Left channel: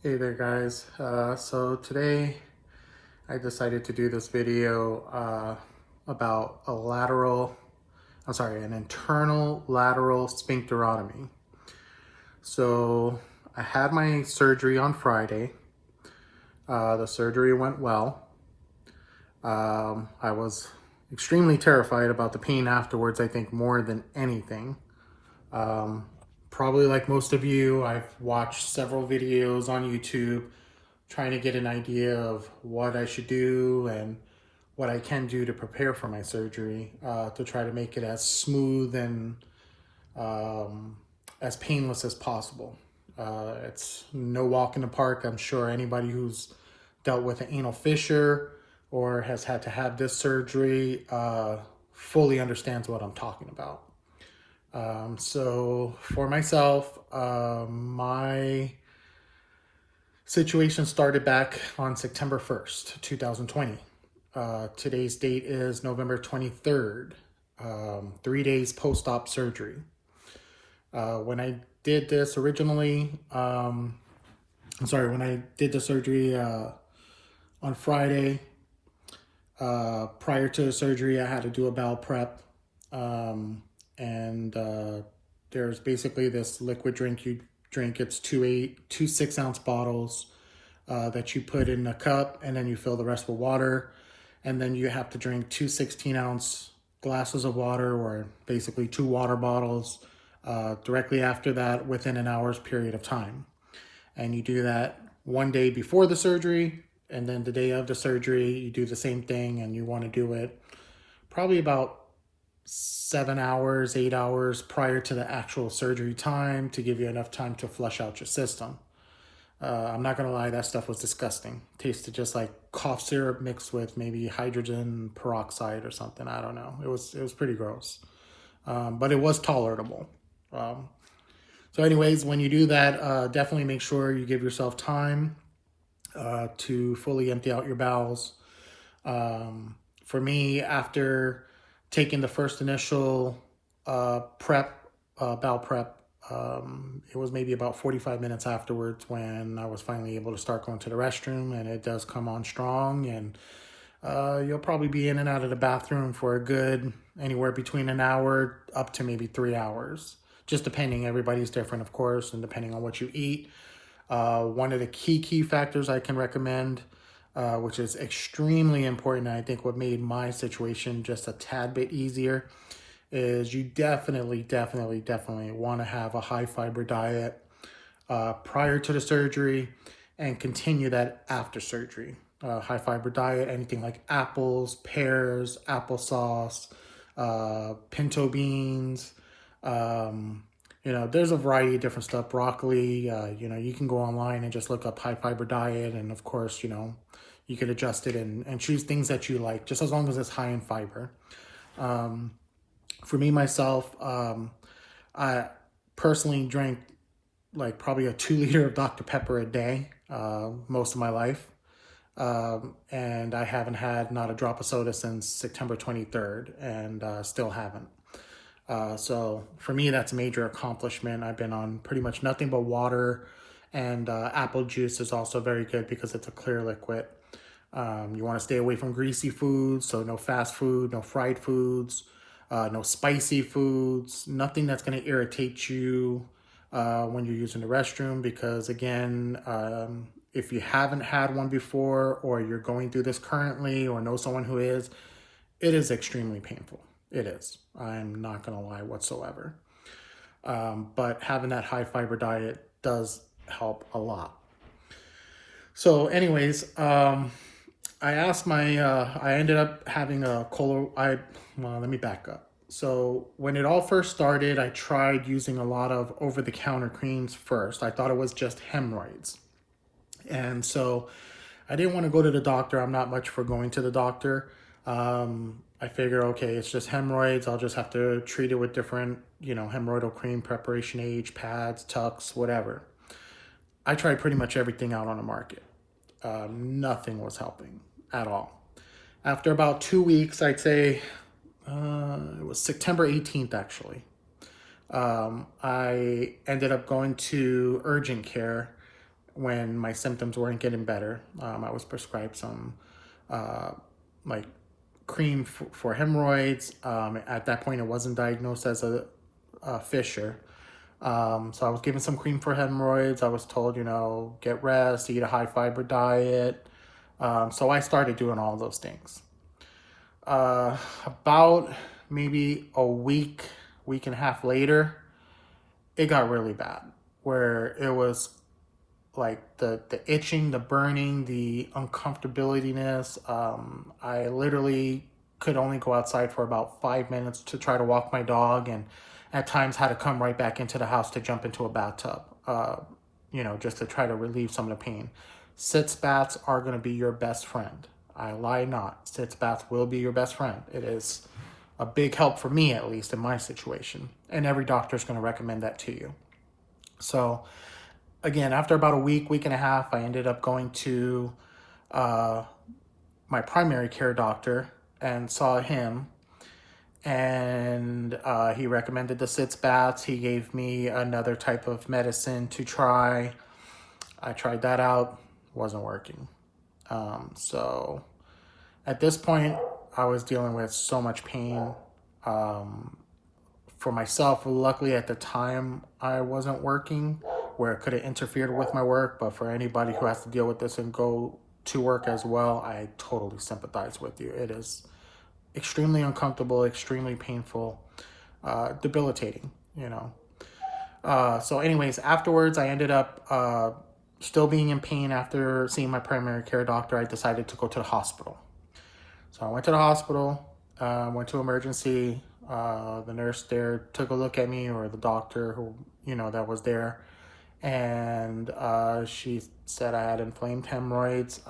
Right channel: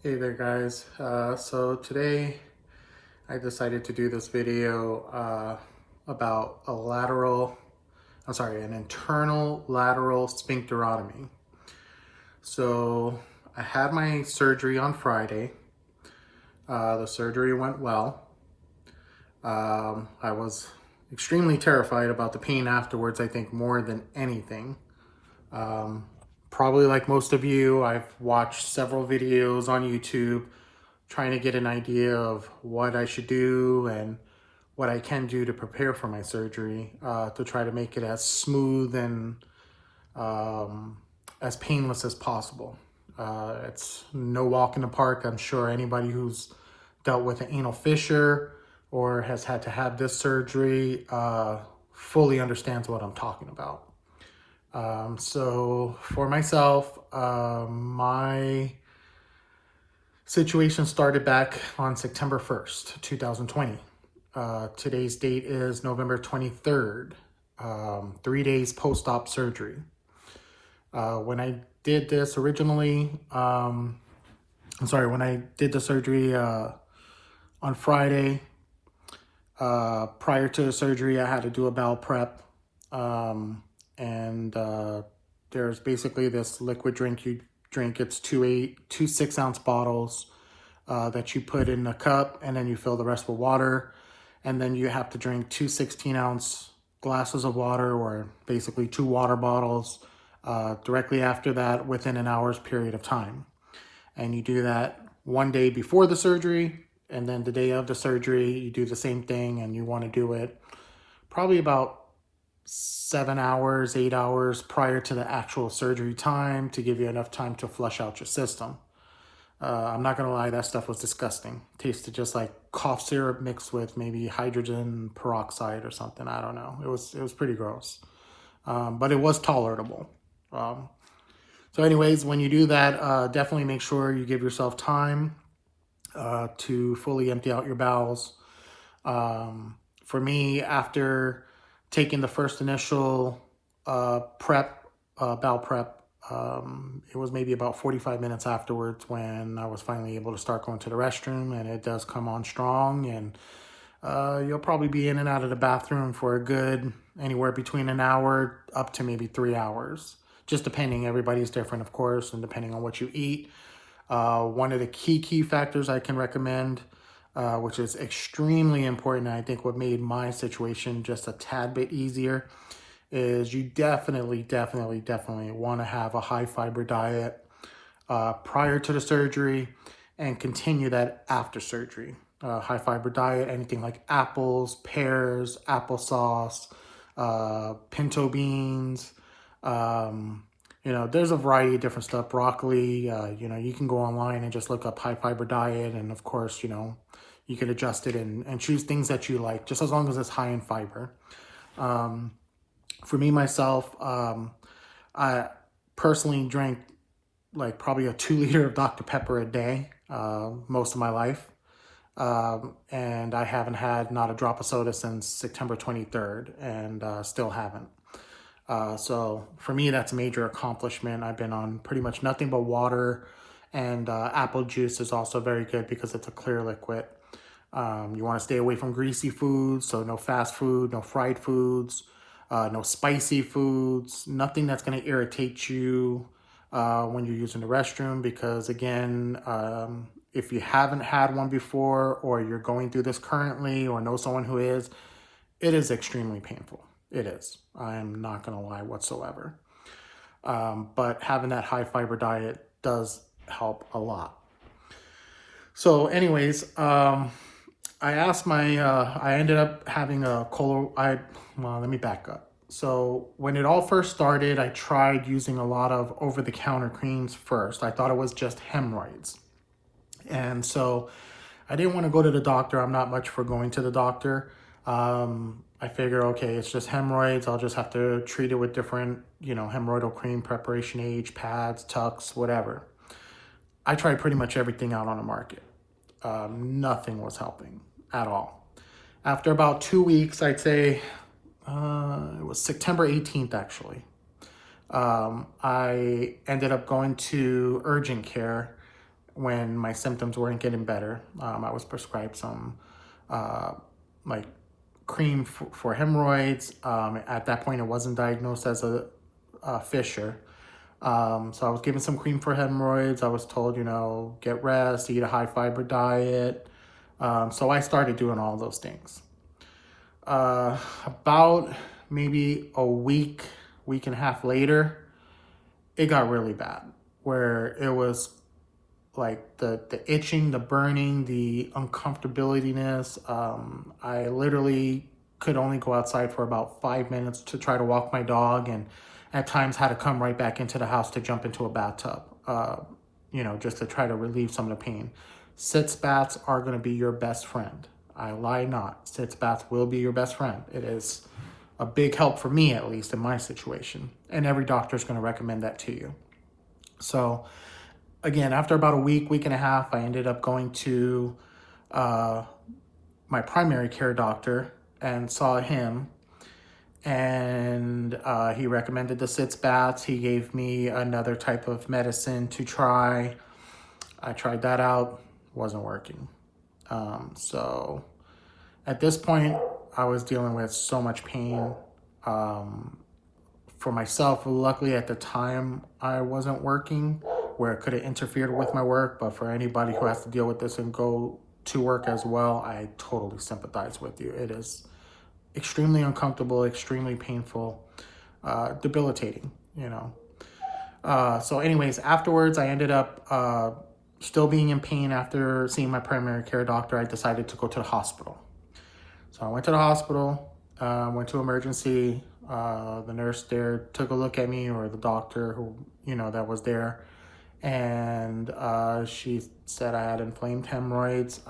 Hey there guys. So today I decided to do this video about an internal lateral sphincterotomy. So I had my surgery on Friday. The surgery went well. I was extremely terrified about the pain afterwards, I think more than anything. Probably like most of you, I've watched several videos on YouTube trying to get an idea of what I should do and what I can do to prepare for my surgery to try to make it as smooth and as painless as possible. It's no walk in the park. I'm sure anybody who's dealt with an anal fissure or has had to have this surgery fully understands what I'm talking about. So for myself, my situation started back on September 1st, 2020. Today's date is November 23rd, 3 days post-op surgery. When I did this originally, when I did the surgery on Friday, prior to the surgery, I had to do a bowel prep. There's basically this liquid drink you drink. It's two 6-ounce bottles that you put in the cup, and then you fill the rest with water. And then you have to drink 2 16-ounce glasses of water, or basically 2 water bottles, directly after that within an hour's period of time. And you do that one day before the surgery, and then the day of the surgery, you do the same thing, and you want to do it probably about 7 hours, 8 hours prior to the actual surgery time to give you enough time to flush out your system. I'm not gonna lie, that stuff was disgusting. Tasted just like cough syrup mixed with maybe hydrogen peroxide or something. I don't know. It was pretty gross, but it was tolerable. So anyways, when you do that, definitely make sure you give yourself time to fully empty out your bowels. For me, after taking the first initial bowel prep, it was maybe about 45 minutes afterwards when I was finally able to start going to the restroom, and it does come on strong, and you'll probably be in and out of the bathroom for a good anywhere between an hour up to maybe 3 hours, just depending. Everybody's different, of course, and depending on what you eat. One of the key factors I can recommend, which is extremely important, and I think what made my situation just a tad bit easier, is you definitely want to have a high fiber diet prior to the surgery and continue that after surgery. High fiber diet, anything like apples, pears, applesauce, pinto beans, there's a variety of different stuff, broccoli, you can go online and just look up high fiber diet, and of course, you can adjust it and choose things that you like, just as long as it's high in fiber. For me, myself, I personally drank like probably a 2 liter of Dr. Pepper a day, most of my life. And I haven't had not a drop of soda since September 23rd, and still haven't. So for me, that's a major accomplishment. I've been on pretty much nothing but water, and apple juice is also very good because it's a clear liquid. You want to stay away from greasy foods, so no fast food, no fried foods, no spicy foods, nothing that's going to irritate you when you're using the restroom, because again, if you haven't had one before, or you're going through this currently, or know someone who is, it is extremely painful. It is. I'm not going to lie whatsoever. But having that high fiber diet does help a lot. So anyways, I ended up having let me back up. So when it all first started, I tried using a lot of over-the-counter creams first. I thought it was just hemorrhoids. And so I didn't want to go to the doctor. I'm not much for going to the doctor. I figure, okay, it's just hemorrhoids. I'll just have to treat it with different, hemorrhoidal cream, preparation H, pads, tucks, whatever. I tried pretty much everything out on the market. Nothing was helping at all. After about 2 weeks, I'd say, it was September 18th, actually. I ended up going to urgent care when my symptoms weren't getting better. I was prescribed some like cream for hemorrhoids. At that point, it wasn't diagnosed as a fissure. So I was given some cream for hemorrhoids. I was told, you know, get rest, eat a high fiber diet. So I started doing all those things. About maybe a week and a half later, it got really bad, where it was like the itching, the burning, the uncomfortability-ness. I literally could only go outside for about 5 minutes to try to walk my dog, and at times had to come right back into the house to jump into a bathtub, you know, just to try to relieve some of the pain. Sitz baths are going to be your best friend. I lie not. Sitz baths will be your best friend. It is a big help for me, at least in my situation. And every doctor is going to recommend that to you. So again, after about a week and a half, I ended up going to my primary care doctor and saw him. And he recommended the sitz baths. He gave me another type of medicine to try. I tried that out. Wasn't working. So at this point, I was dealing with so much pain. For myself, luckily at the time, I wasn't working, where it could have interfered with my work. But for anybody who has to deal with this and go to work as well, I totally sympathize with you. It is extremely uncomfortable, extremely painful, debilitating, you know. So anyways, afterwards, I ended up still being in pain. After seeing my primary care doctor, I decided to go to the hospital. So I went to the hospital, went to emergency. The nurse there took a look at me, or the doctor who, you know, that was there. And she said I had inflamed hemorrhoids.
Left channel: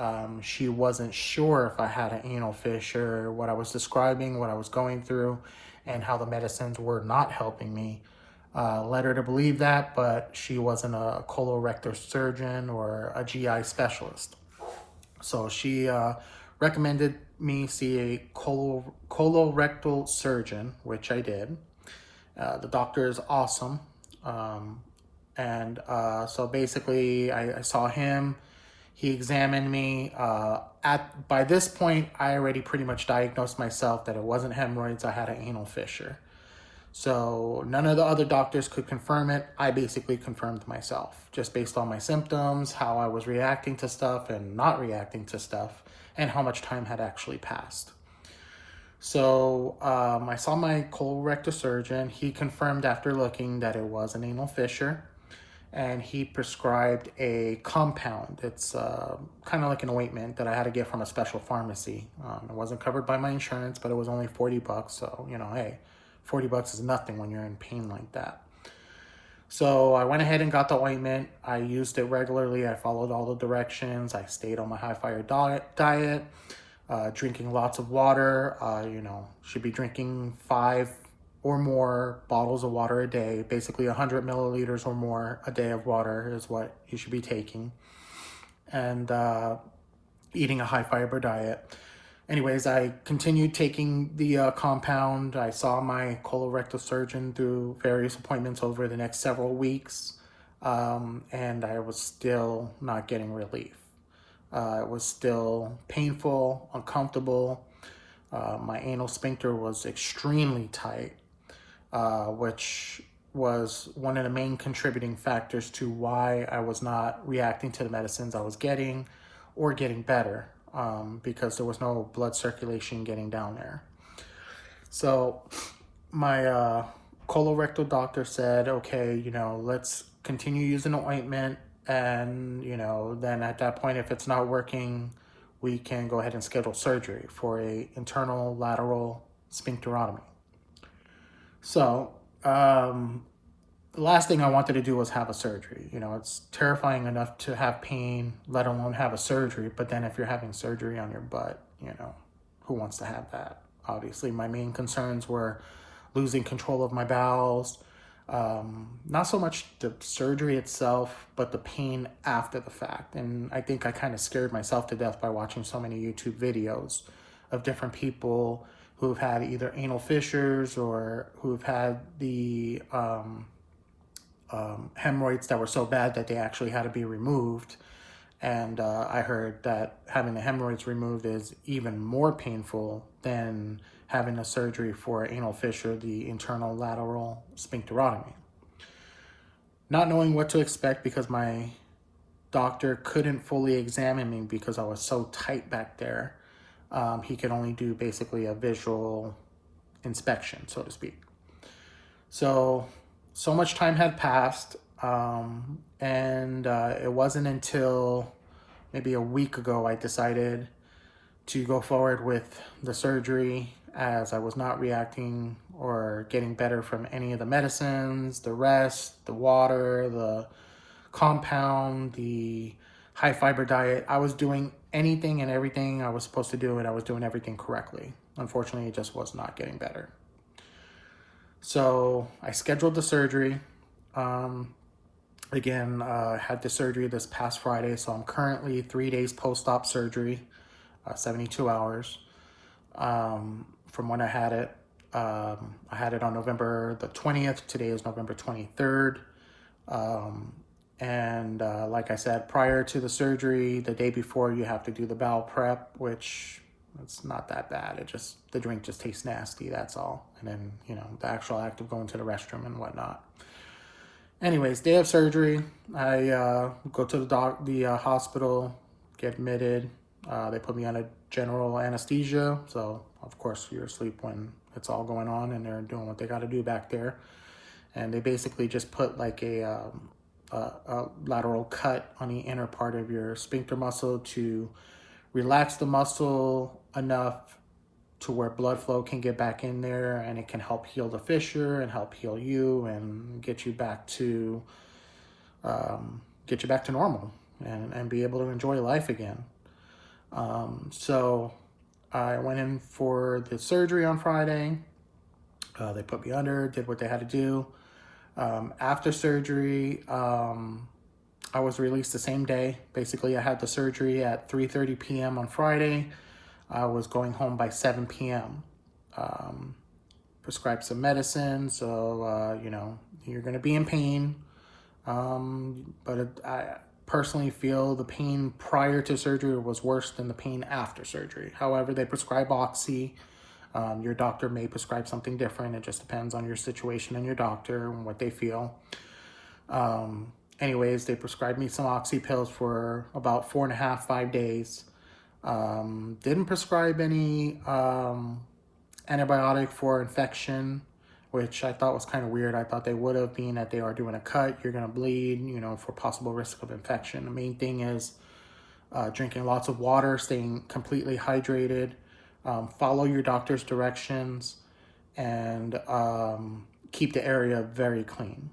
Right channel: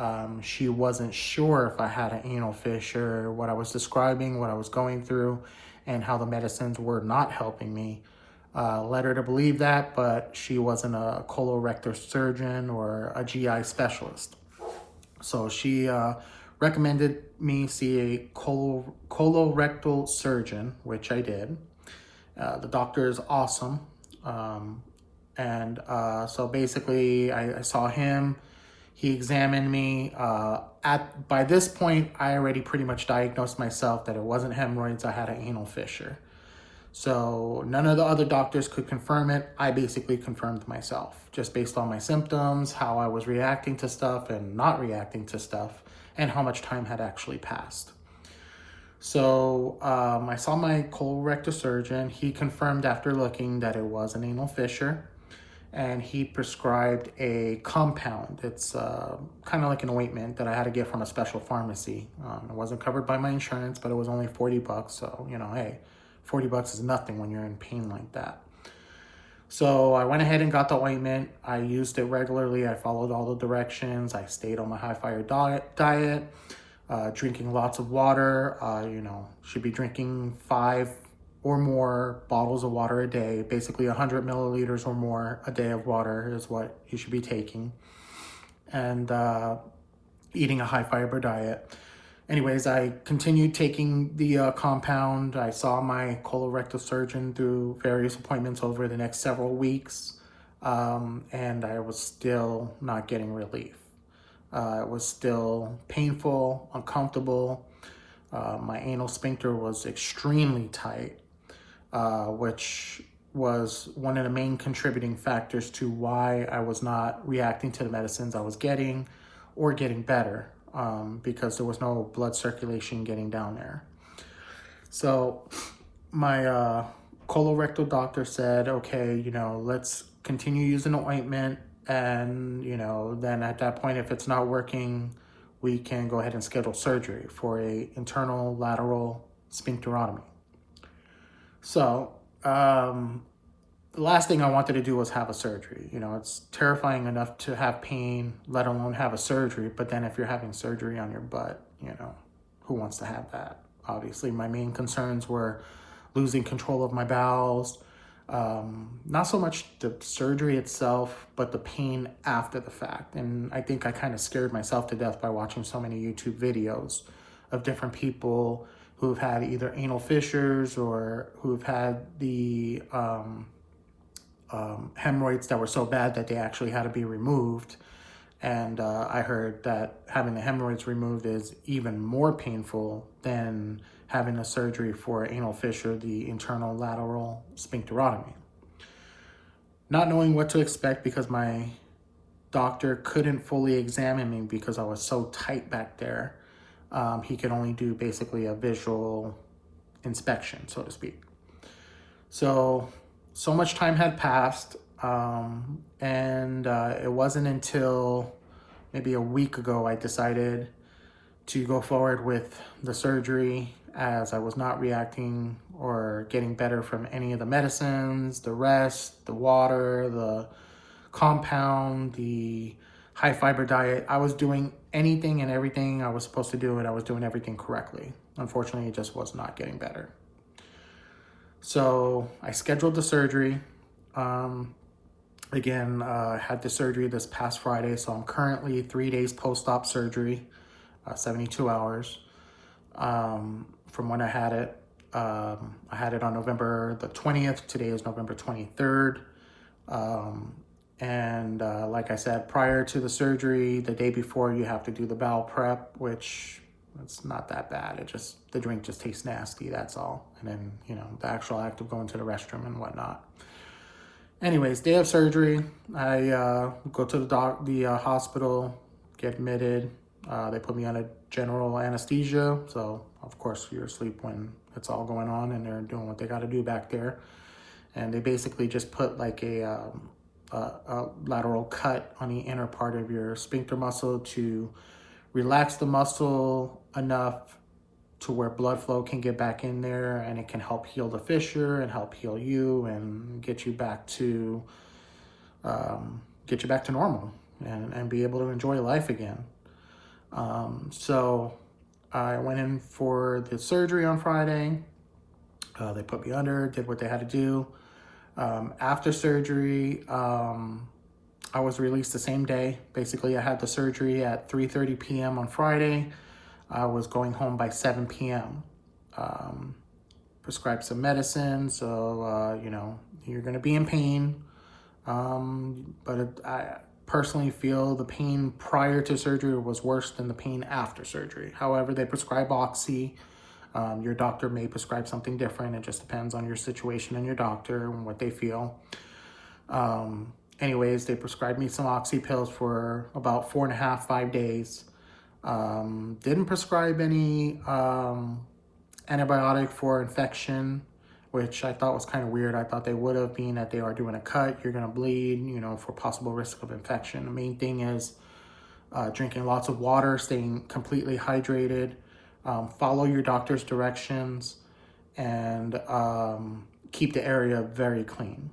She wasn't sure if I had an anal fissure, what I was describing, what I was going through, and how the medicines were not helping me. Led her to believe that, but she wasn't a colorectal surgeon or a GI specialist. So she recommended me see a colorectal surgeon, which I did. The doctor is awesome. So basically, I saw him. He examined me. By this point, I already pretty much diagnosed myself that it wasn't hemorrhoids. I had an anal fissure. So none of the other doctors could confirm it. I basically confirmed myself, just based on my symptoms, how I was reacting to stuff and not reacting to stuff, and how much time had actually passed. So I saw my colorectal surgeon. He confirmed after looking that it was an anal fissure, and he prescribed a compound. It's kind of like an ointment that I had to get from a special pharmacy. It wasn't covered by my insurance, but it was only $40, so, you know, hey, $40 is nothing when you're in pain like that. So I went ahead and got the ointment. I used it regularly. I followed all the directions. I stayed on a high fiber diet, drinking lots of water. You know, should be drinking 5 or more bottles of water a day. Basically 100 milliliters or more a day of water is what you should be taking. And eating a high fiber diet. Anyways, I continued taking the compound. I saw my colorectal surgeon through various appointments over the next several weeks, and I was still not getting relief. It was still painful, uncomfortable. My anal sphincter was extremely tight, which was one of the main contributing factors to why I was not reacting to the medicines I was getting or getting better. Because there was no blood circulation getting down there. So my colorectal doctor said, okay, you know, let's continue using the ointment, and, you know, then at that point, if it's not working, we can go ahead and schedule surgery for a internal lateral sphincterotomy. So the last thing I wanted to do was have a surgery. You know, it's terrifying enough to have pain, let alone have a surgery. But then if you're having surgery on your butt, you know, who wants to have that? Obviously, my main concerns were losing control of my bowels. Not so much the surgery itself, but the pain after the fact. And I think I kind of scared myself to death by watching so many YouTube videos of different people who've had either anal fissures or who've had the hemorrhoids that were so bad that they actually had to be removed. And I heard that having the hemorrhoids removed is even more painful than having the surgery for anal fissure, the internal lateral sphincterotomy. Not knowing what to expect because my doctor couldn't fully examine me because I was so tight back there. He could only do basically a visual inspection, so to speak. So much time had passed, and it wasn't until maybe a week ago I decided to go forward with the surgery, as I was not reacting or getting better from any of the medicines, the rest, the water, the compound, the high fiber diet. I was doing anything and everything I was supposed to do, and I was doing everything correctly. Unfortunately, it just was not getting better. So I scheduled the surgery. Had the surgery this past Friday, so I'm currently 3 days post-op surgery, 72 hours from when I had it. I had it on November the 20th. Today is November 23rd. Like I said, prior to the surgery, the day before, you have to do the bowel prep, which it's not that bad. The drink just tastes nasty, that's all. And then, the actual act of going to the restroom and whatnot. Anyways, day of surgery, I go to the hospital, get admitted. They put me on a general anesthesia. So, of course, you're asleep when it's all going on and they're doing what they got to do back there. And they basically just put like a lateral cut on the inner part of your sphincter muscle to relax the muscle enough to where blood flow can get back in there, and it can help heal the fissure and help heal you and get you back to normal and be able to enjoy life again. So I went in for the surgery on Friday. They put me under, did what they had to do. After surgery, I was released the same day. Basically, I had the surgery at 3:30 p.m. on Friday. I was going home by 7 p.m. Prescribed some medicine, so, you're going to be in pain. But I personally feel the pain prior to surgery was worse than the pain after surgery. However, they prescribe Oxy. Your doctor may prescribe something different. It just depends on your situation and your doctor and what they feel. Anyways, they prescribed me some Oxy pills for about 4.5, 5 days. Didn't prescribe any antibiotic for infection, which I thought was kind of weird. I thought they would have, being that they are doing a cut, you're going to bleed, for possible risk of infection. The main thing is drinking lots of water, staying completely hydrated, follow your doctor's directions, and keep the area very clean.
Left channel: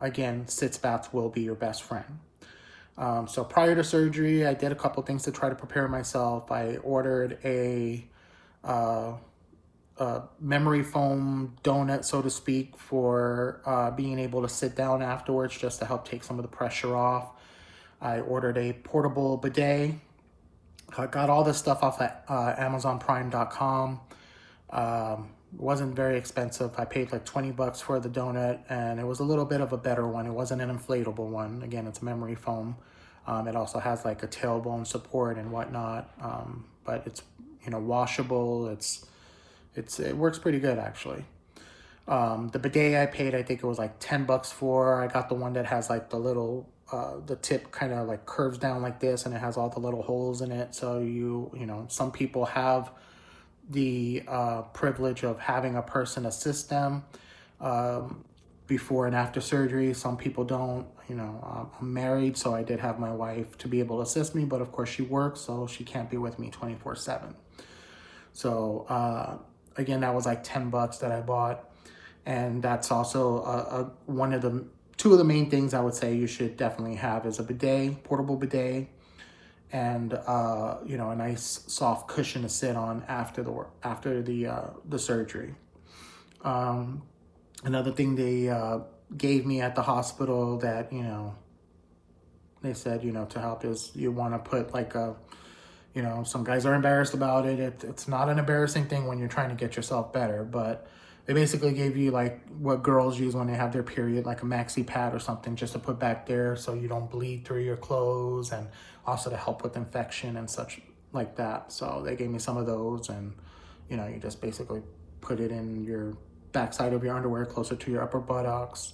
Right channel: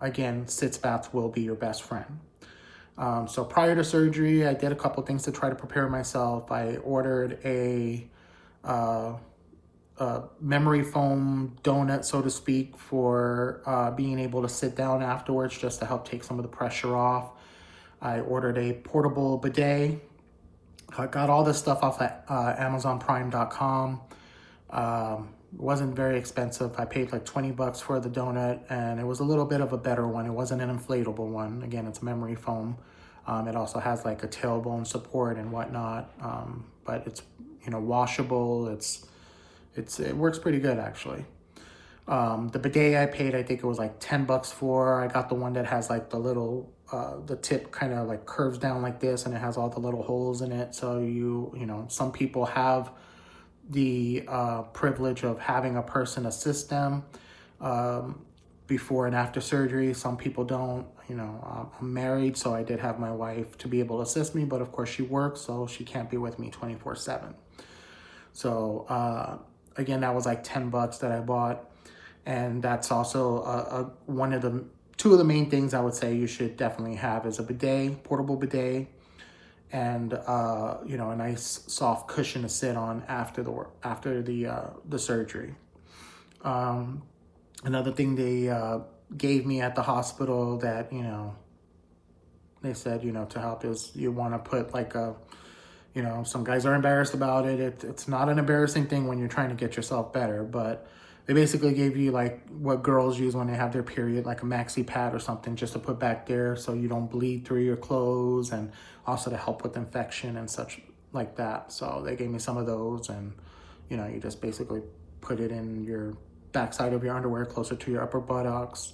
Again, sitz baths will be your best friend. So prior to surgery, I did a couple things to try to prepare myself. I ordered a memory foam donut, so to speak, for being able to sit down afterwards, just to help take some of the pressure off. I ordered a portable bidet. I got all this stuff off at AmazonPrime.com. It wasn't very expensive. I paid like $20 for the donut, and it was a little bit of a better one. It wasn't an inflatable one. Again, it's memory foam. It also has like a tailbone support and whatnot, but it's washable. It works pretty good actually. The bidet I paid, I think it was like $10 for. I got the one that has like the little the tip kind of like curves down like this, and it has all the little holes in it. So some people have the privilege of having a person assist them before and after surgery. Some people don't. I'm married, so I did have my wife to be able to assist me, but of course she works, so she can't be with me 24/7. So again, that was like $10 that I bought, and that's also two of the main things I would say you should definitely have is a bidet, portable bidet, and a nice soft cushion to sit on after the surgery. Another thing they gave me at the hospital that they said to help is you want to put like some guys are embarrassed about it. It's not an embarrassing thing when you're trying to get yourself better, but They basically gave you like what girls use when they have their period, like a maxi pad or something, just to put back there so you don't bleed through your clothes, and also to help with infection and such like that. So they gave me some of those, and you know, you just basically put it in your backside of your underwear, closer to your upper buttocks,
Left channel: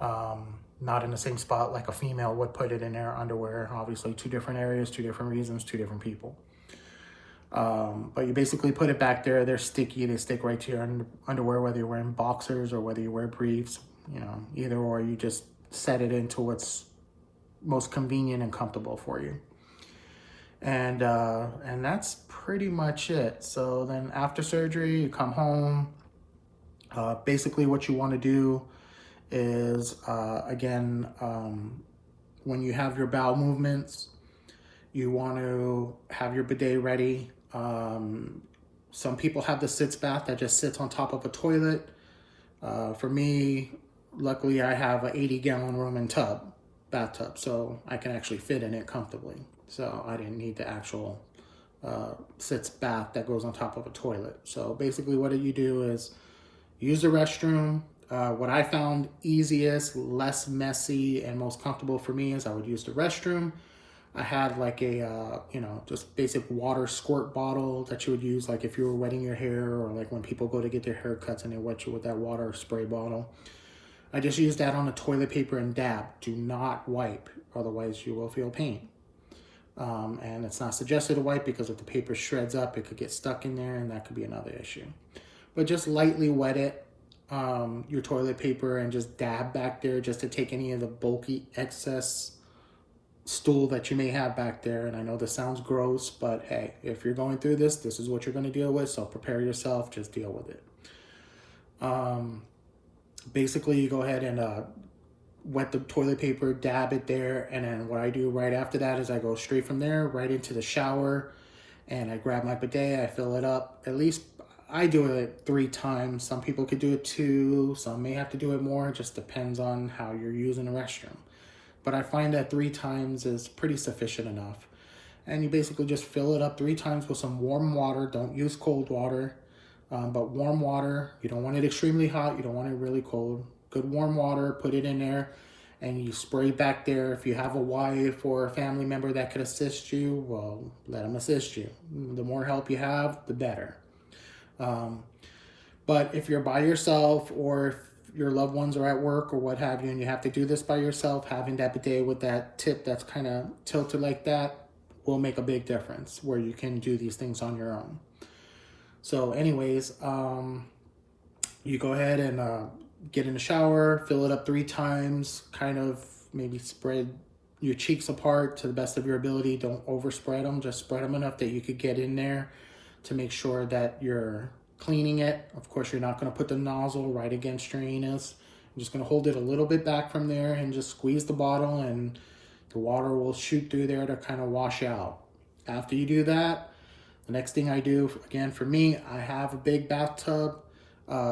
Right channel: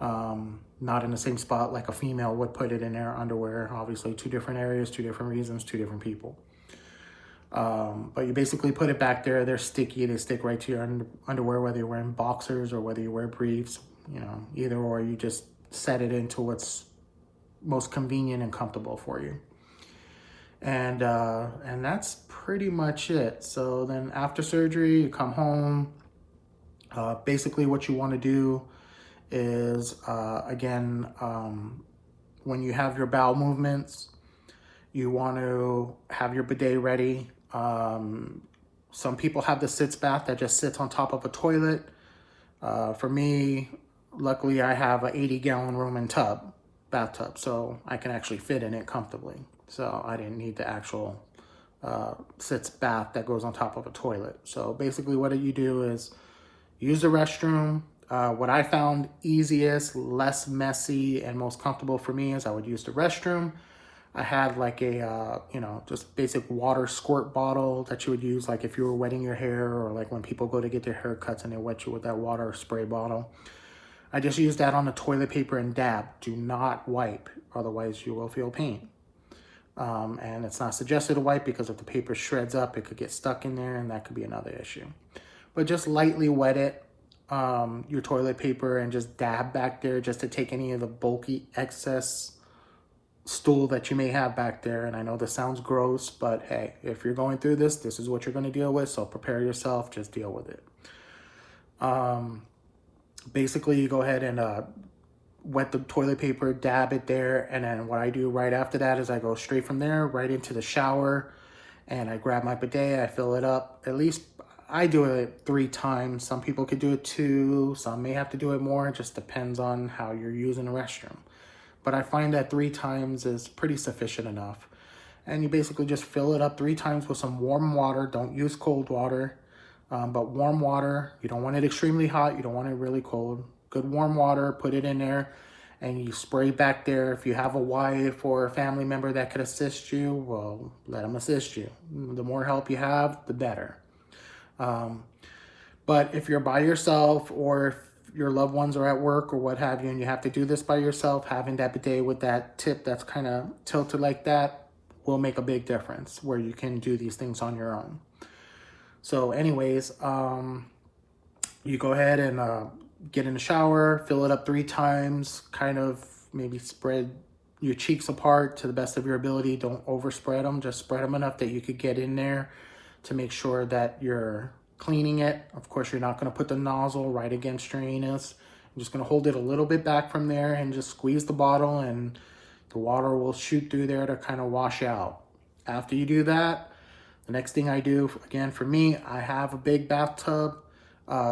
not in the same spot like a female would put it in their underwear. Obviously, two different areas, two different reasons, two different people. But you basically put it back there. They're sticky. They stick right to your underwear, whether you're wearing boxers or whether you wear briefs, you know, either or. You just set it into what's most convenient and comfortable for you. And that's pretty much it. So then after surgery, you come home. Basically what you want to do is, when you have your bowel movements, you want to have your bidet ready. Some people have the sitz bath that just sits on top of a toilet. For me, luckily I have an 80-gallon room and bathtub, so I can actually fit in it comfortably. So I didn't need the actual sitz bath that goes on top of a toilet. So basically what you do is use the restroom. What I found easiest, less messy, and most comfortable for me is I would use the restroom. I had like a, just basic water squirt bottle that you would use like if you were wetting your hair, or like when people go to get their haircuts and they wet you with that water spray bottle. I just use that on the toilet paper and dab. Do not wipe, otherwise you will feel pain. And it's not suggested to wipe because if the paper shreds up, it could get stuck in there, and that could be another issue. But just lightly wet it, your toilet paper, and just dab back there just to take any of the bulky excess stool that you may have back there. And I know this sounds gross, but hey, if you're going through this is what you're going to deal with. So prepare yourself, just deal with it. Basically you go ahead and wet the toilet paper, dab it there, and then what I do right after that is I go straight from there right into the shower, and I grab my bidet, I fill it up. At least I do it 3 times. Some people could do it 2, some may have to do it more. It just depends on how you're using the restroom. But I find that 3 times is pretty sufficient enough. And you basically just fill it up 3 times with some warm water. Don't use cold water, but warm water. You don't want it extremely hot. You don't want it really cold. Good warm water, put it in there, and you spray back there. If you have a wife or a family member that could assist you, well, let them assist you. The more help you have, the better. But if you're by yourself, or if your loved ones are at work or what have you, and you have to do this by yourself, having that bidet with that tip that's kind of tilted like that will make a big difference, where you can do these things on your own. So anyways, you go ahead and get in the shower, fill it up 3 times, kind of maybe spread your cheeks apart to the best of your ability. Don't overspread them, just spread them enough that you could get in there to make sure that you're cleaning it. Of course, you're not going to put the nozzle right against your anus. I'm just going to hold it a little bit back from there and just squeeze the bottle, and the water will shoot through there to kind of wash out. After you do that, the next thing I do, again, for me, I have a big bathtub.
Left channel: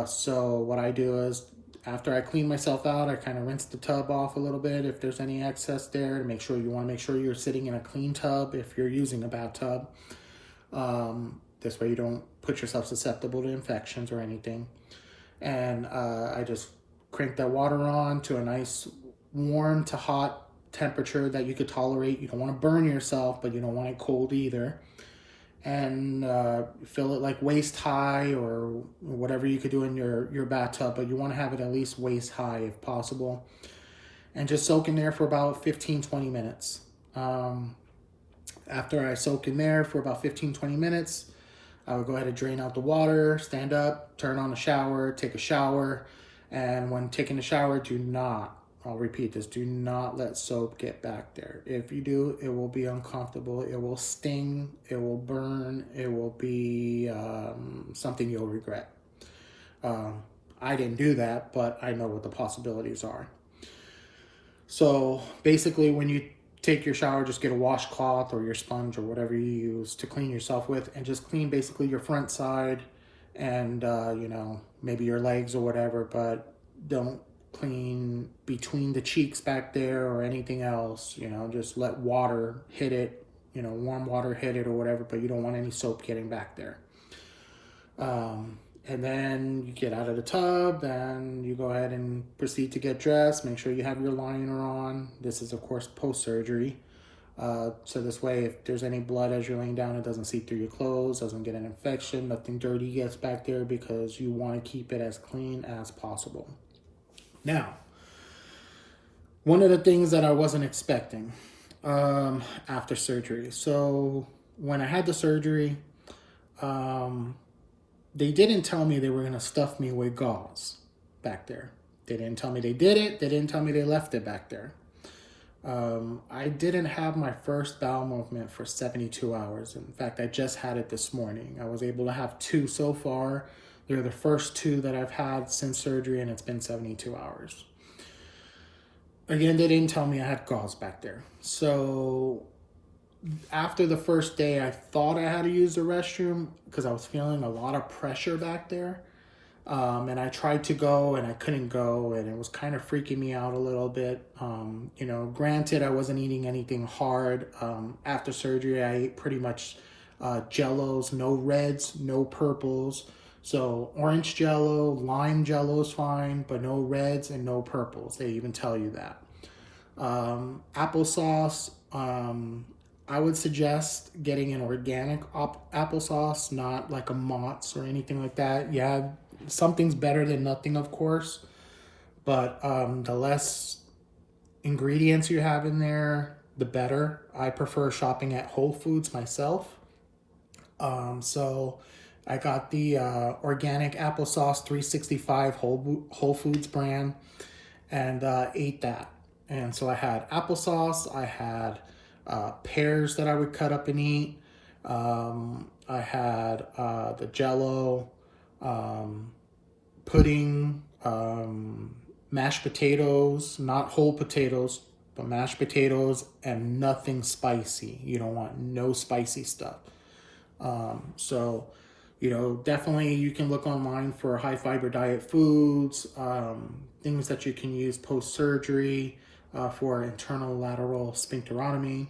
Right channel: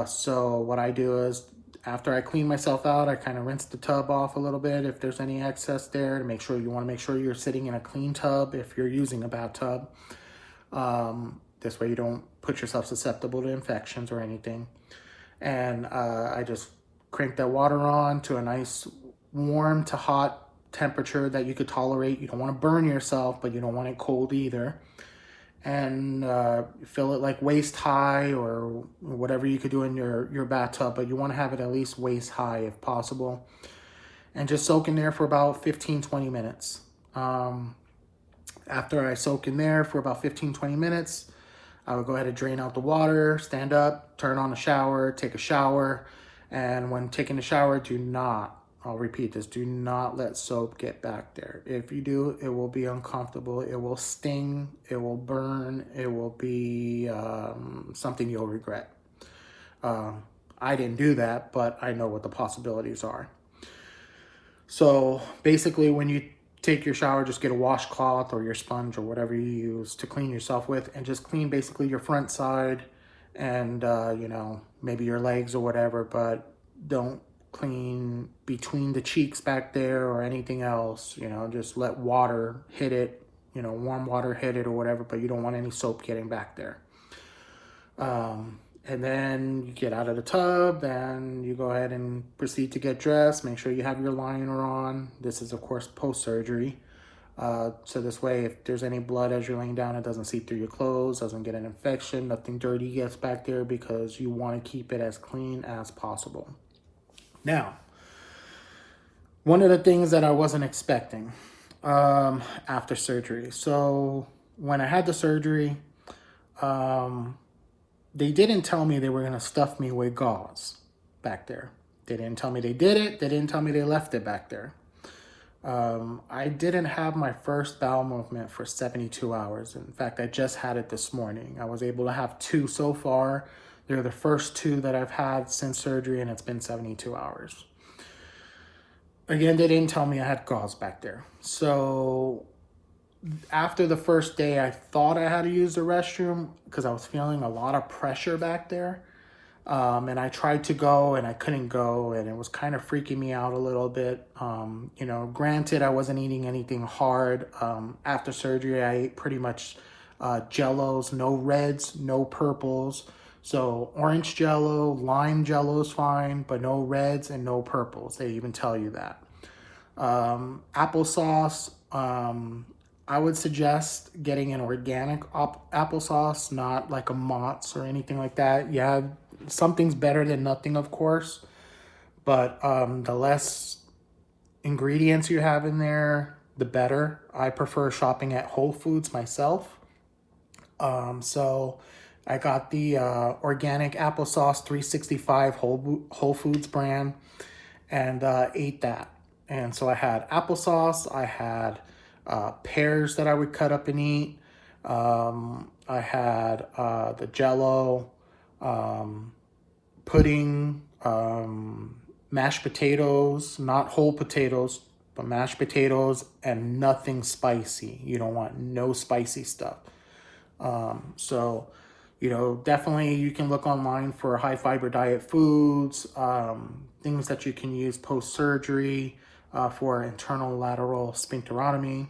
So what I do is, after I clean myself out, I kind of rinse the tub off a little bit if there's any excess there, to make sure you want to make sure you're sitting in a clean tub if you're using a bathtub. This way you don't put yourself susceptible to infections or anything. And I just crank that water on to a nice warm to hot temperature that you could tolerate. You don't want to burn yourself, but you don't want it cold either. And fill it like waist high, or whatever you could do in your bathtub, but you want to have it at least waist high if possible. And just soak in there for about 15-20 minutes. After I soak in there for about 15-20 minutes, I would go ahead and drain out the water, stand up, turn on the shower, take a shower. And when taking a shower, I'll repeat this, do not let soap get back there. If you do, it will be uncomfortable. It will sting, it will burn, it will be something you'll regret. I didn't do that, but I know what the possibilities are. So basically, when you take your shower, just get a washcloth or your sponge or whatever you use to clean yourself with, and just clean basically your front side and, maybe your legs or whatever, but don't clean between the cheeks back there or anything else. Just let water hit it, warm water hit it or whatever, but you don't want any soap getting back there. And then you get out of the tub and you go ahead and proceed to get dressed. Make sure you have your liner on. This is, of course, post-surgery. So this way, if there's any blood as you're laying down, it doesn't seep through your clothes, doesn't get an infection, nothing dirty gets back there, because you want to keep it as clean as possible. Now, one of the things that I wasn't expecting after surgery. So when I had the surgery, they didn't tell me they were going to stuff me with gauze back there. They didn't tell me they did it. They didn't tell me they left it back there. I didn't have my first bowel movement for 72 hours. In fact, I just had it this morning. I was able to have 2 so far. They're the first 2 that I've had since surgery, and it's been 72 hours. Again, they didn't tell me I had gauze back there. So after the first day, I thought I had to use the restroom because I was feeling a lot of pressure back there. And I tried to go and I couldn't go, and it was kind of freaking me out a little bit. You know, granted, I wasn't eating anything hard. After surgery, I ate pretty much jellos, no reds, no purples. So orange jello, lime jello is fine, but no reds and no purples. They even tell you that. Applesauce, I would suggest getting an organic applesauce, not like a Mott's or anything like that. Yeah, something's better than nothing, of course, but the less ingredients you have in there, the better. I prefer shopping at Whole Foods myself. So I got the organic applesauce 365 Whole Foods brand, and ate that. And so I had applesauce, I had pears that I would cut up and eat. I had the jello, pudding, mashed potatoes, not whole potatoes, but mashed potatoes, and nothing spicy. You don't want no spicy stuff. So, you know, definitely you can look online for high fiber diet foods, things that you can use post-surgery for internal lateral sphincterotomy.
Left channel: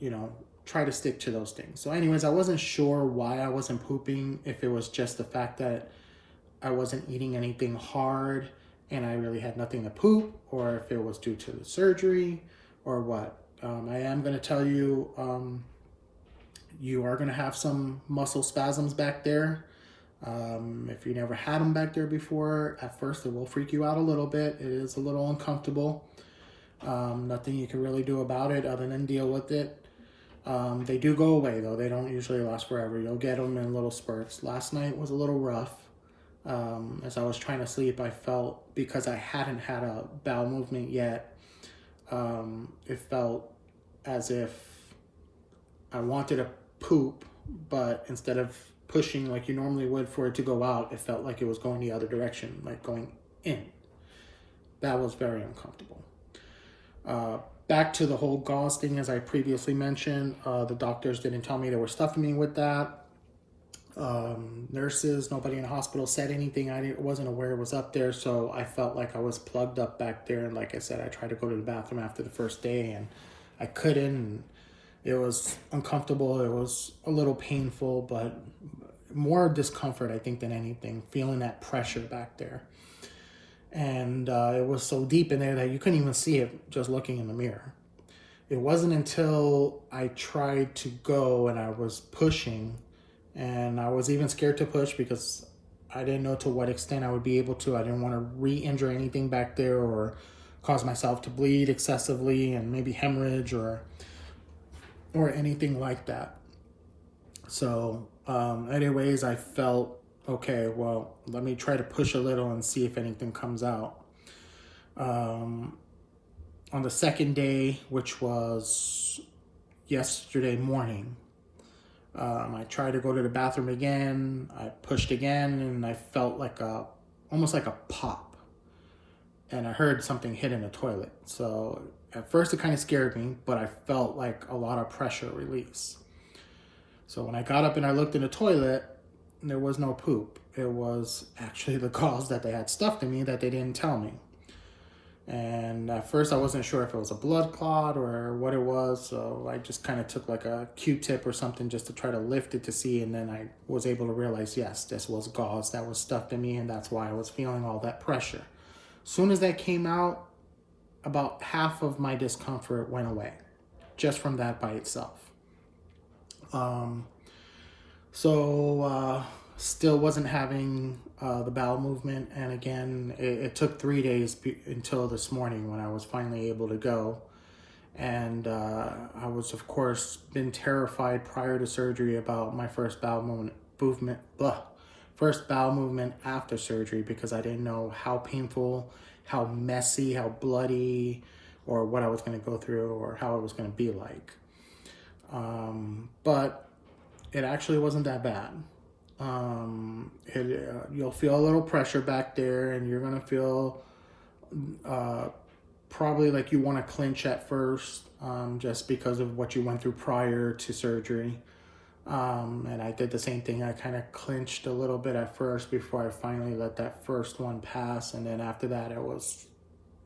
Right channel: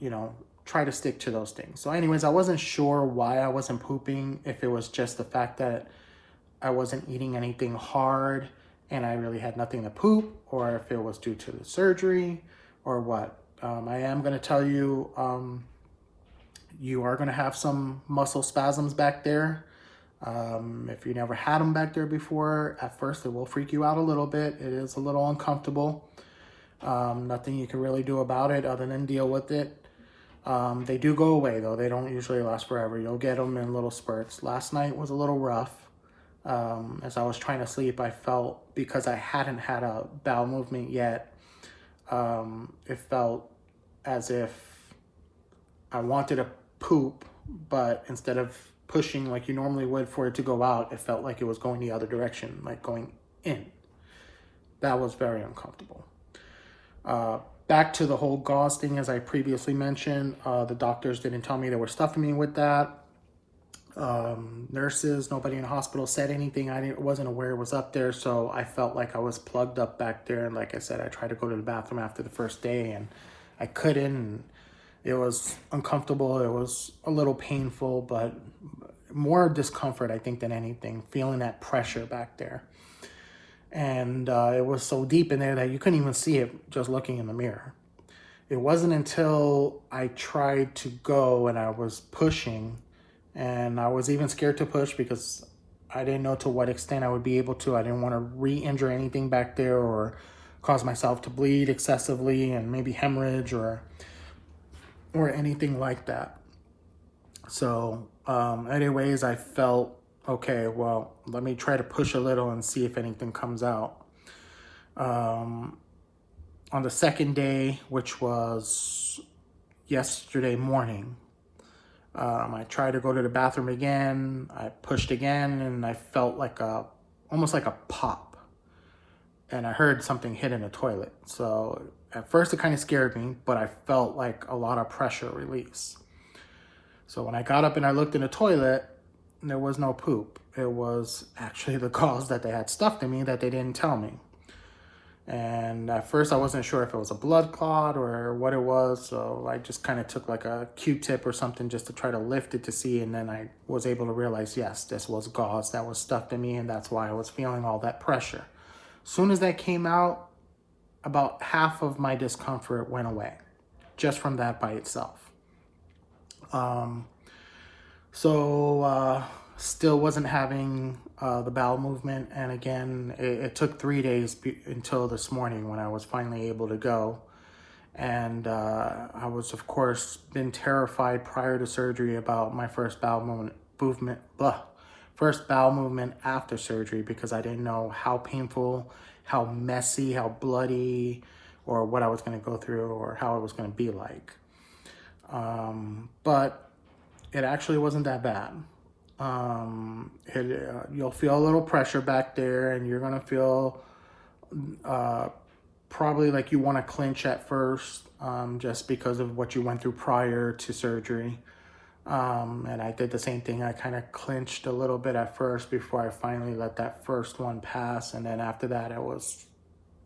You know, try to stick to those things. So anyways, I wasn't sure why I wasn't pooping, if it was just the fact that I wasn't eating anything hard and I really had nothing to poop, or if it was due to the surgery or what. I am going to tell you, you are going to have some muscle spasms back there. If you never had them back there before, at first it will freak you out a little bit. It is a little uncomfortable. Nothing you can really do about it other than deal with it. They do go away though. They don't usually last forever. You'll get them in little spurts. Last night was a little rough. As I was trying to sleep, I felt, because I hadn't had a bowel movement yet, it felt as if I wanted to poop, but instead of pushing like you normally would for it to go out, it felt like it was going the other direction, like going in. That was very uncomfortable. Back to the whole gauze thing, as I previously mentioned, the doctors didn't tell me they were stuffing me with that. Nurses, nobody in the hospital said anything. I wasn't aware it was up there, so I felt like I was plugged up back there. And like I said, I tried to go to the bathroom after the first day and I couldn't. And it was uncomfortable. It was a little painful, but more discomfort, I think, than anything, feeling that pressure back there. And it was so deep in there that you couldn't even see it just looking in the mirror. It wasn't until I tried to go and I was pushing, and I was even scared to push because I didn't know to what extent I would be able to. I didn't want to re-injure anything back there or cause myself to bleed excessively and maybe hemorrhage or anything like that. So anyways, I felt, okay, well, let me try to push a little and see if anything comes out. On the second day, which was yesterday morning, I tried to go to the bathroom again. I pushed again, and I felt like almost like a pop. And I heard something hit in the toilet. So at first it kind of scared me, but I felt like a lot of pressure release. So when I got up and I looked in the toilet, there was no poop. It was actually the gauze that they had stuffed in me that they didn't tell me. And at first I wasn't sure if it was a blood clot or what it was. So I just kind of took like a Q-tip or something just to try to lift it to see. And then I was able to realize, yes, this was gauze that was stuffed in me. And that's why I was feeling all that pressure. As soon as that came out, about half of my discomfort went away just from that by itself. Still wasn't having the bowel movement. And again, it took 3 days until this morning when I was finally able to go. And I was, of course, been terrified prior to surgery about my first bowel movement after surgery, because I didn't know how painful, how messy, how bloody, or what I was going to go through, or how it was going to be like. But it actually wasn't that bad. You'll feel a little pressure back there, and you're going to feel probably like you want to clench at first, just because of what you went through prior to surgery. And I did the same thing. I kind of clenched a little bit at first before I finally let that first one pass. And then after that, it was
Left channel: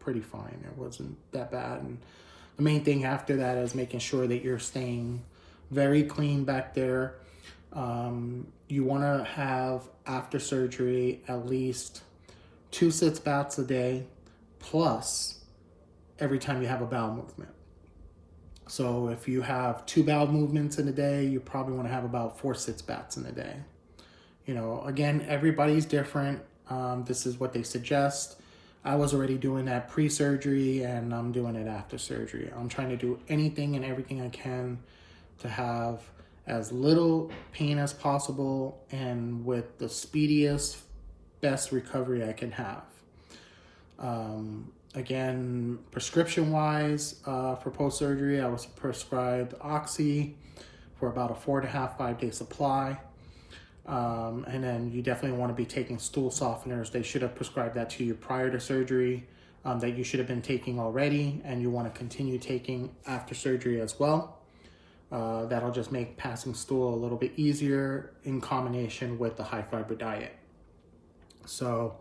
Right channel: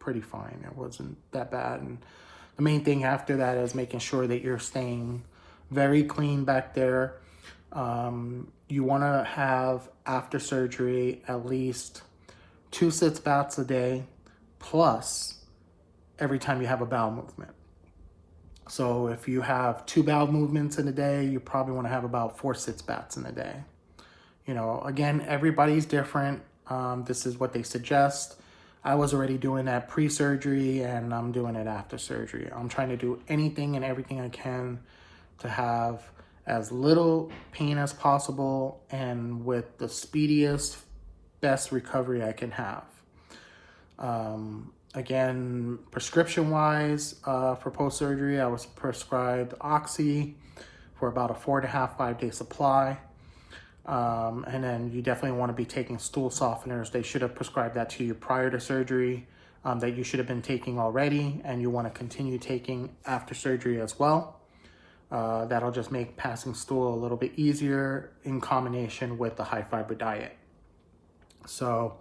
pretty fine. It wasn't that bad. And the main thing after that is making sure that you're staying very clean back there. You want to have, after surgery, at least 2 sitz baths a day, plus every time you have a bowel movement. So if you have 2 bowel movements in a day, you probably want to have about 4 sitz baths in a day. You know, again, everybody's different. This is what they suggest. I was already doing that pre-surgery, and I'm doing it after surgery. I'm trying to do anything and everything I can to have as little pain as possible and with the speediest, best recovery I can have. Again, prescription-wise, for post-surgery, I was prescribed Oxy for about a 4.5, 5-day supply. And then you definitely want to be taking stool softeners. They should have prescribed that to you prior to surgery, that you should have been taking already, and you want to continue taking after surgery as well. That'll just make passing stool a little bit easier in combination with the high-fiber diet. So,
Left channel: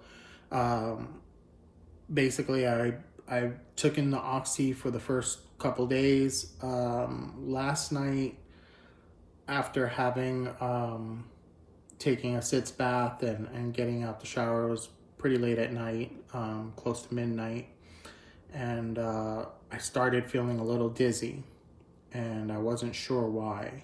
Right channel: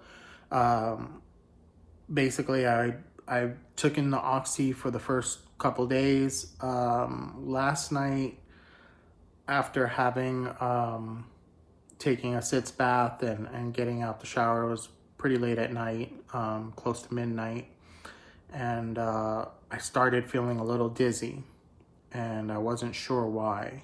basically, I took in the Oxy for the first couple days. Last night, after having taking a sitz bath and getting out the shower, it was pretty late at night, close to midnight, and I started feeling a little dizzy, and I wasn't sure why.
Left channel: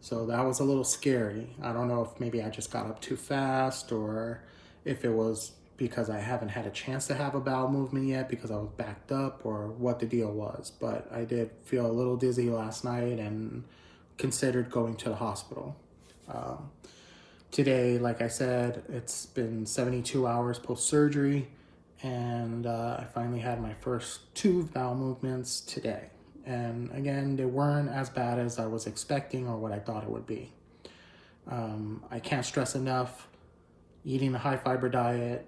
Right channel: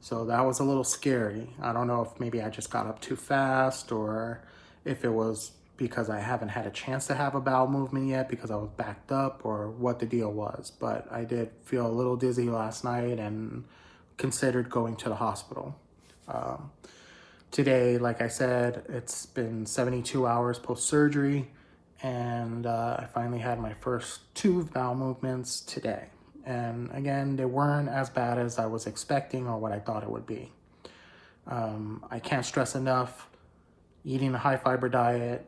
So that was a little scary. I don't know if maybe I just got up too fast, or if it was because I haven't had a chance to have a bowel movement yet because I was backed up, or what the deal was. But I did feel a little dizzy last night and considered going to the hospital. Today, like I said, it's been 72 hours post-surgery, and I finally had my first 2 bowel movements today. And again, they weren't as bad as I was expecting or what I thought it would be. I can't stress enough, eating a high-fiber diet,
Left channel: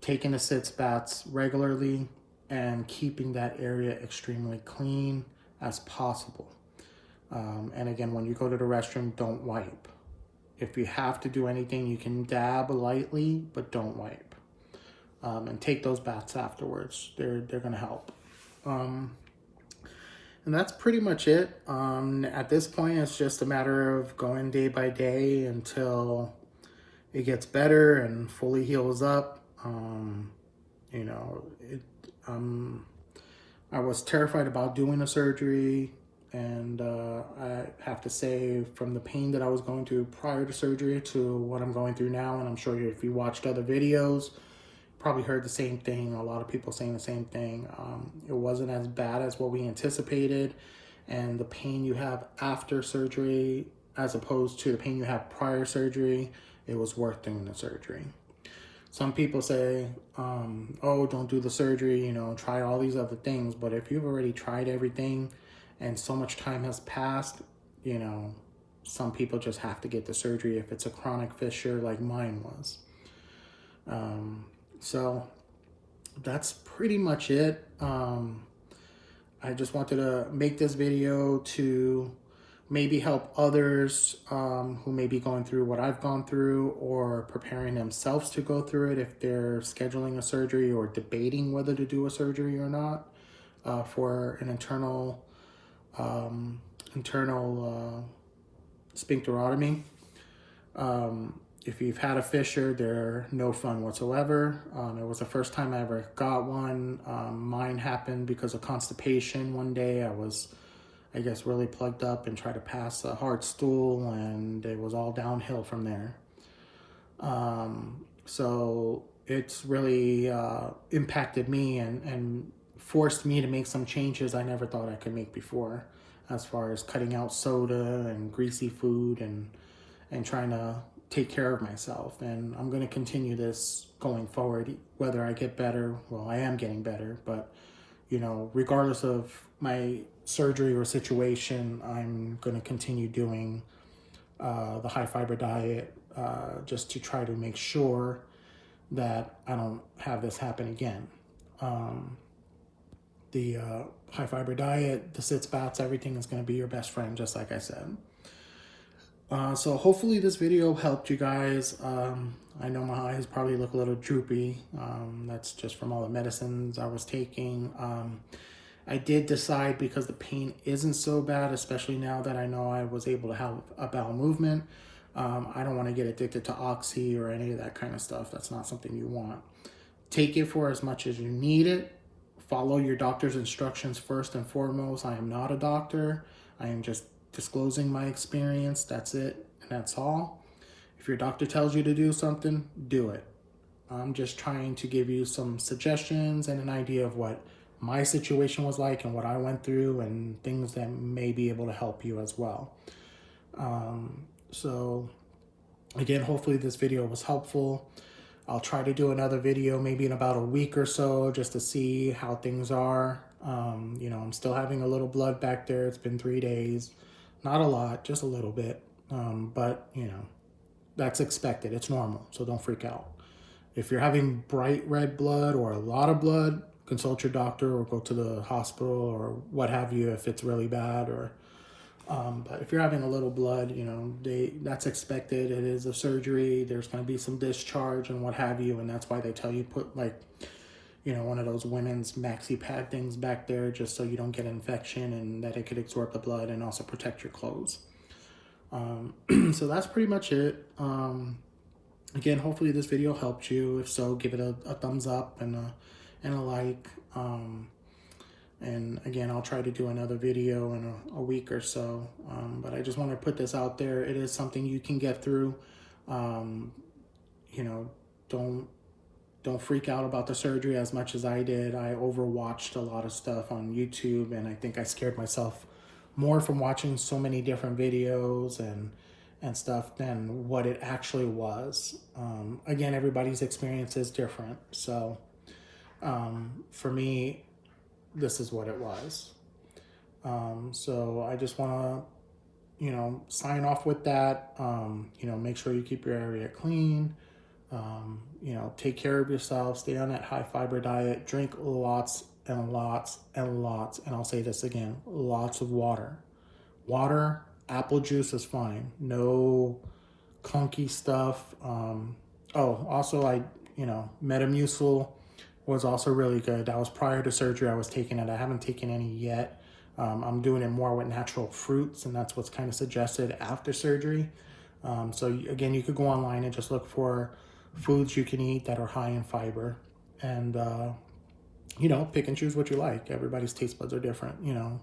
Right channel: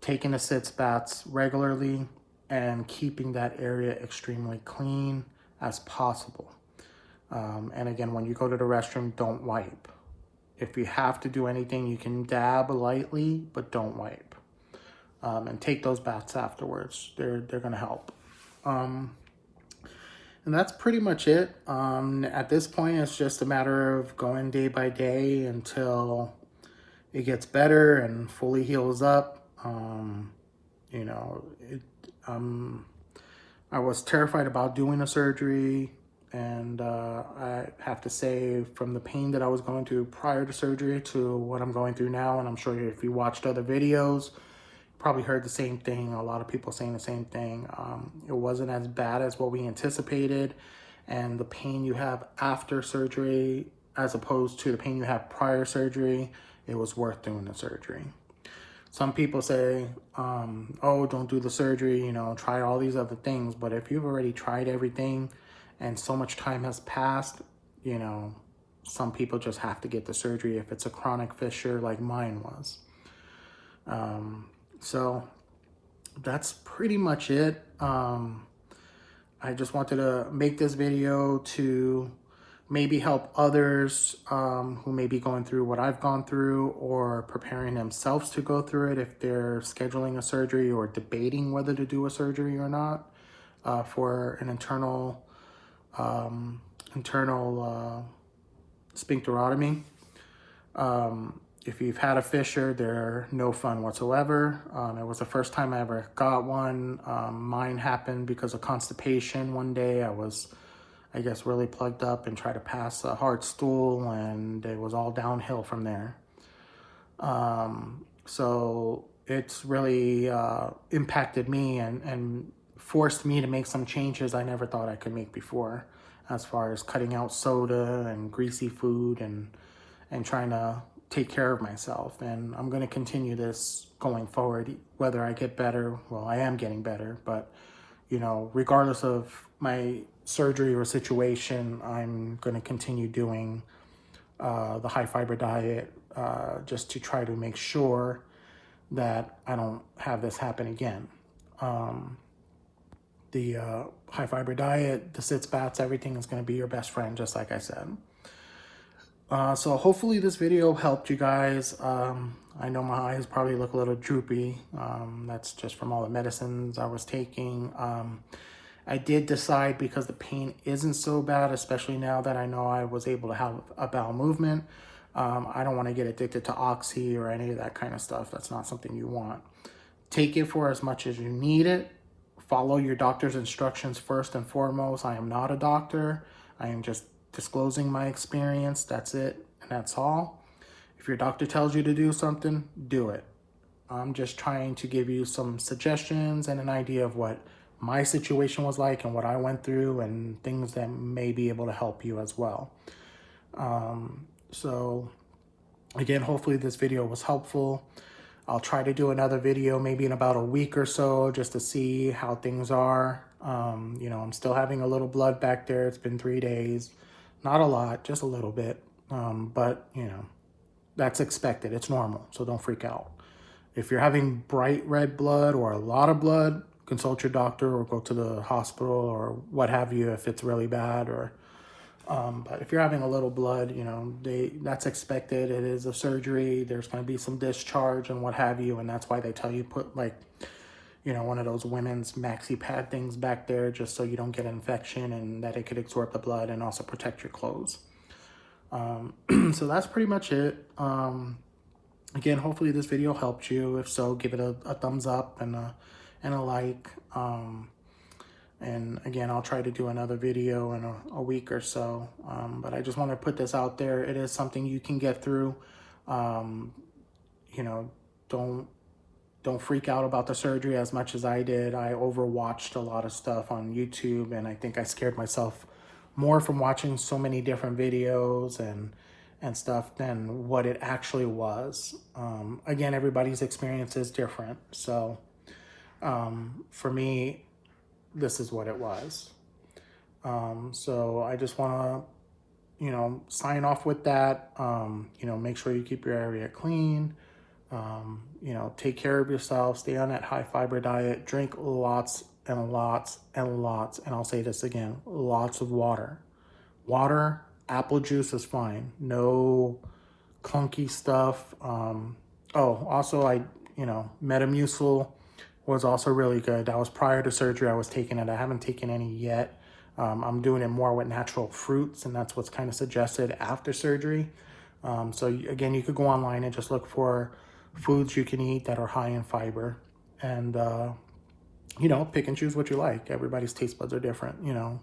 taking the sitz baths regularly, and keeping that area extremely clean as possible. And again, when you go to the restroom, don't wipe. If you have to do anything, you can dab lightly, but don't wipe. And take those baths afterwards. They're gonna help. And that's pretty much it. At this point, it's just a matter of going day by day until it gets better and fully heals up. You know, I was terrified about doing the surgery, and I have to say, from the pain that I was going through prior to surgery to what I'm going through now, and I'm sure if you watched other videos, probably heard the same thing, a lot of people saying the same thing. It wasn't as bad as what we anticipated, and the pain you have after surgery, as opposed to the pain you have prior surgery, it was worth doing the surgery. Some people say, oh, don't do the surgery, you know, try all these other things. But if you've already tried everything and so much time has passed, you know, some people just have to get the surgery if it's a chronic fissure like mine was. So that's pretty much it. I just wanted to make this video to maybe help others who may be going through what I've gone through, or preparing themselves to go through it if they're scheduling a surgery or debating whether to do a surgery or not for an internal sphincterotomy. If you've had a fissure, they're no fun whatsoever. It was the first time I ever got one. Mine happened because of constipation. One day I was, I guess, really plugged up and tried to pass a hard stool, and it was all downhill from there. So it's really impacted me and forced me to make some changes I never thought I could make before, as far as cutting out soda and greasy food and trying to take care of myself. And I'm going to continue this going forward, whether I get better. Well, I am getting better, but you know, regardless of my surgery or situation, I'm going to continue doing the high fiber diet just to try to make sure that I don't have this happen again. The high fiber diet, the sits, bats, everything is going to be your best friend, just like I said. So hopefully this video helped you guys. I know my eyes probably look a little droopy. That's just from all the medicines I was taking. I did decide, because the pain isn't so bad, especially now that I know I was able to have a bowel movement, I don't want to get addicted to Oxy or any of that kind of stuff. That's not something you want. Take it for as much as you need it. Follow your doctor's instructions first and foremost. I am not a doctor. I am just disclosing my experience. That's it, and that's all. If your doctor tells you to do something, do it. I'm just trying to give you some suggestions and an idea of what my situation was like and what I went through, and things that may be able to help you as well. So again, hopefully this video was helpful. I'll try to do another video maybe in about a week or so, just to see how things are. You know, I'm still having a little blood back there. It's been 3 days. Not a lot, just a little bit. But, you know, that's expected. It's normal, so don't freak out. If you're having bright red blood or a lot of blood, consult your doctor or go to the hospital or what have you if it's really bad. Or but if you're having a little blood, you know, that's expected. It is a surgery. There's going to be some discharge and what have you, and that's why they tell you put, like, you know, one of those women's maxi pad things back there, just so you don't get an infection and that it could absorb the blood and also protect your clothes. So that's pretty much it. Again, hopefully this video helped you. If so, give it a thumbs up and a like. And again, I'll try to do another video in a week or so. But I just want to put this out there. It is something you can get through. You know, don't freak out about the surgery as much as I did. I overwatched a lot of stuff on YouTube, and I think I scared myself more from watching so many different videos and stuff than what it actually was. Again, everybody's experience is different. So for me, this is what it was. So I just want to, you know, sign off with that. You know, make sure you keep your area clean. You know, take care of yourself, stay on that high fiber diet, drink lots and lots and lots, and I'll say this again, lots of water. Water, apple juice is fine. No clunky stuff. Oh, also you know, Metamucil was also really good. That was prior to surgery. I was taking it. I haven't taken any yet. I'm doing it more with natural fruits, and that's what's kind of suggested after surgery. So again, you could go online and just look for foods you can eat that are high in fiber, and you know, pick and choose what you like. Everybody's taste buds are different. You know,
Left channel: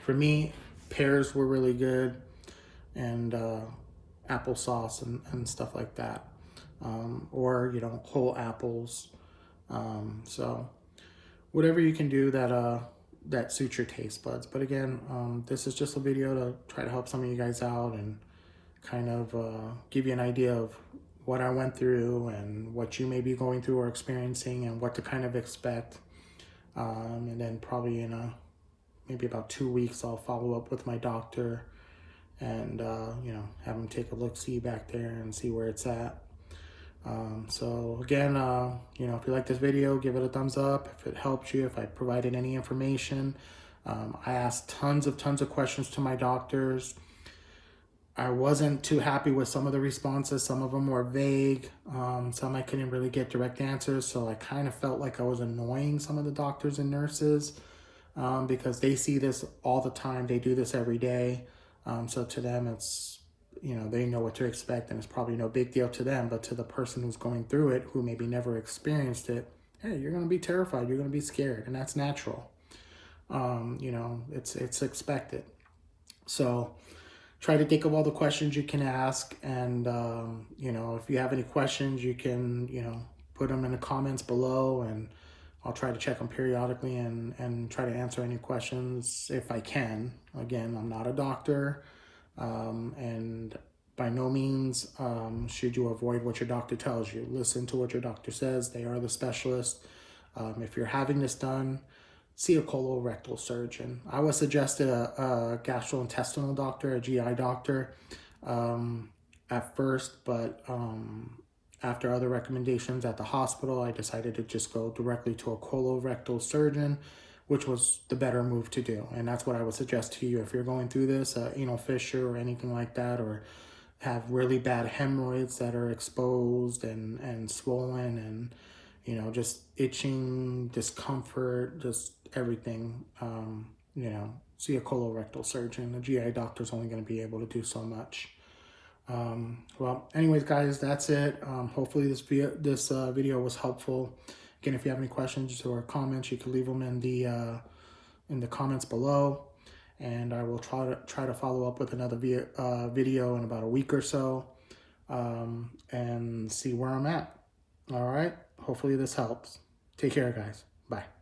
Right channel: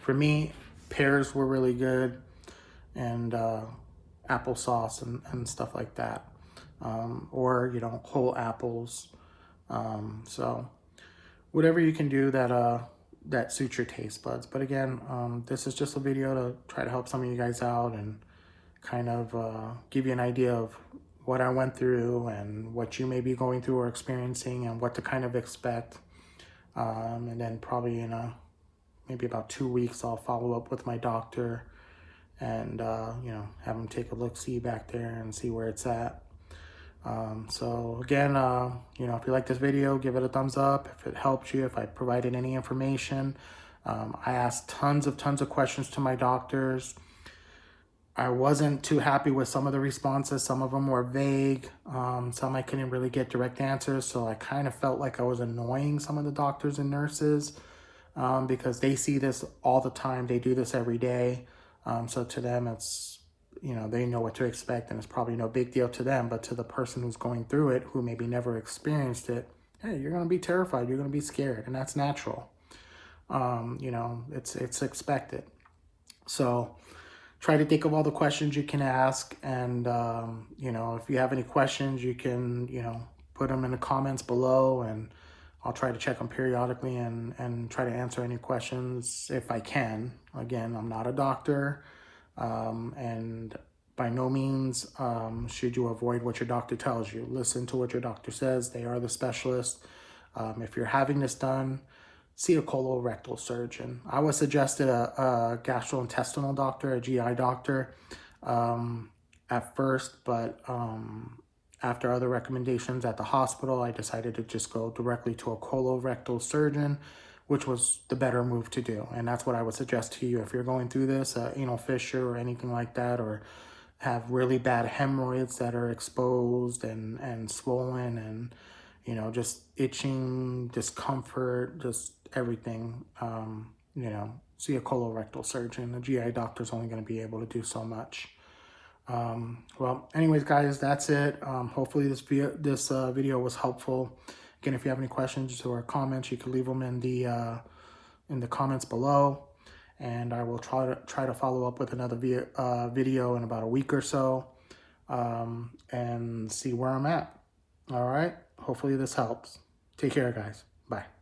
for me, pears were really good, and applesauce and stuff like that, or you know, whole apples. So whatever you can do that suits your taste buds. But again, this is just a video to try to help some of you guys out and kind of give you an idea of what I went through and what you may be going through or experiencing and what to kind of expect. And then probably in maybe about 2 weeks, I'll follow up with my doctor and, you know, have him take a look-see back there and see where it's at. So again, you know, if you like this video, give it a thumbs up. If it helps you, if I provided any information, I asked tons of questions to my doctors. I wasn't too happy with some of the responses. Some of them were vague. Some I couldn't really get direct answers. So I kind of felt like I was annoying some of the doctors and nurses because they see this all the time. They do this every day. So to them, it's, you know, they know what to expect and it's probably no big deal to them. But to the person who's going through it, who maybe never experienced it, hey, you're going to be terrified. You're going to be scared. And that's natural. You know, it's expected. So try to think of all the questions you can ask. And, you know, if you have any questions, you can, you know, put them in the comments below and I'll try to check them periodically and try to answer any questions if I can. Again, I'm not a doctor, and by no means should you avoid what your doctor tells you. Listen to what your doctor says. They are the specialist. If you're having this done, see a colorectal surgeon. I was suggested a gastrointestinal doctor, a GI doctor at first, but after other recommendations at the hospital, I decided to just go directly to a colorectal surgeon, which was the better move to do. And that's what I would suggest to you if you're going through this, anal fissure or anything like that, or have really bad hemorrhoids that are exposed and swollen and, you know, just itching, discomfort, just everything, you know, see a colorectal surgeon. The GI doctor's only going to be able to do so much. Well, anyways, guys, that's it. Hopefully this video was helpful. Again, if you have any questions or comments, you can leave them in the comments below, and I will try to follow up with another video in about a week or so, and see where I'm at. All right. Hopefully this helps. Take care, guys. Bye.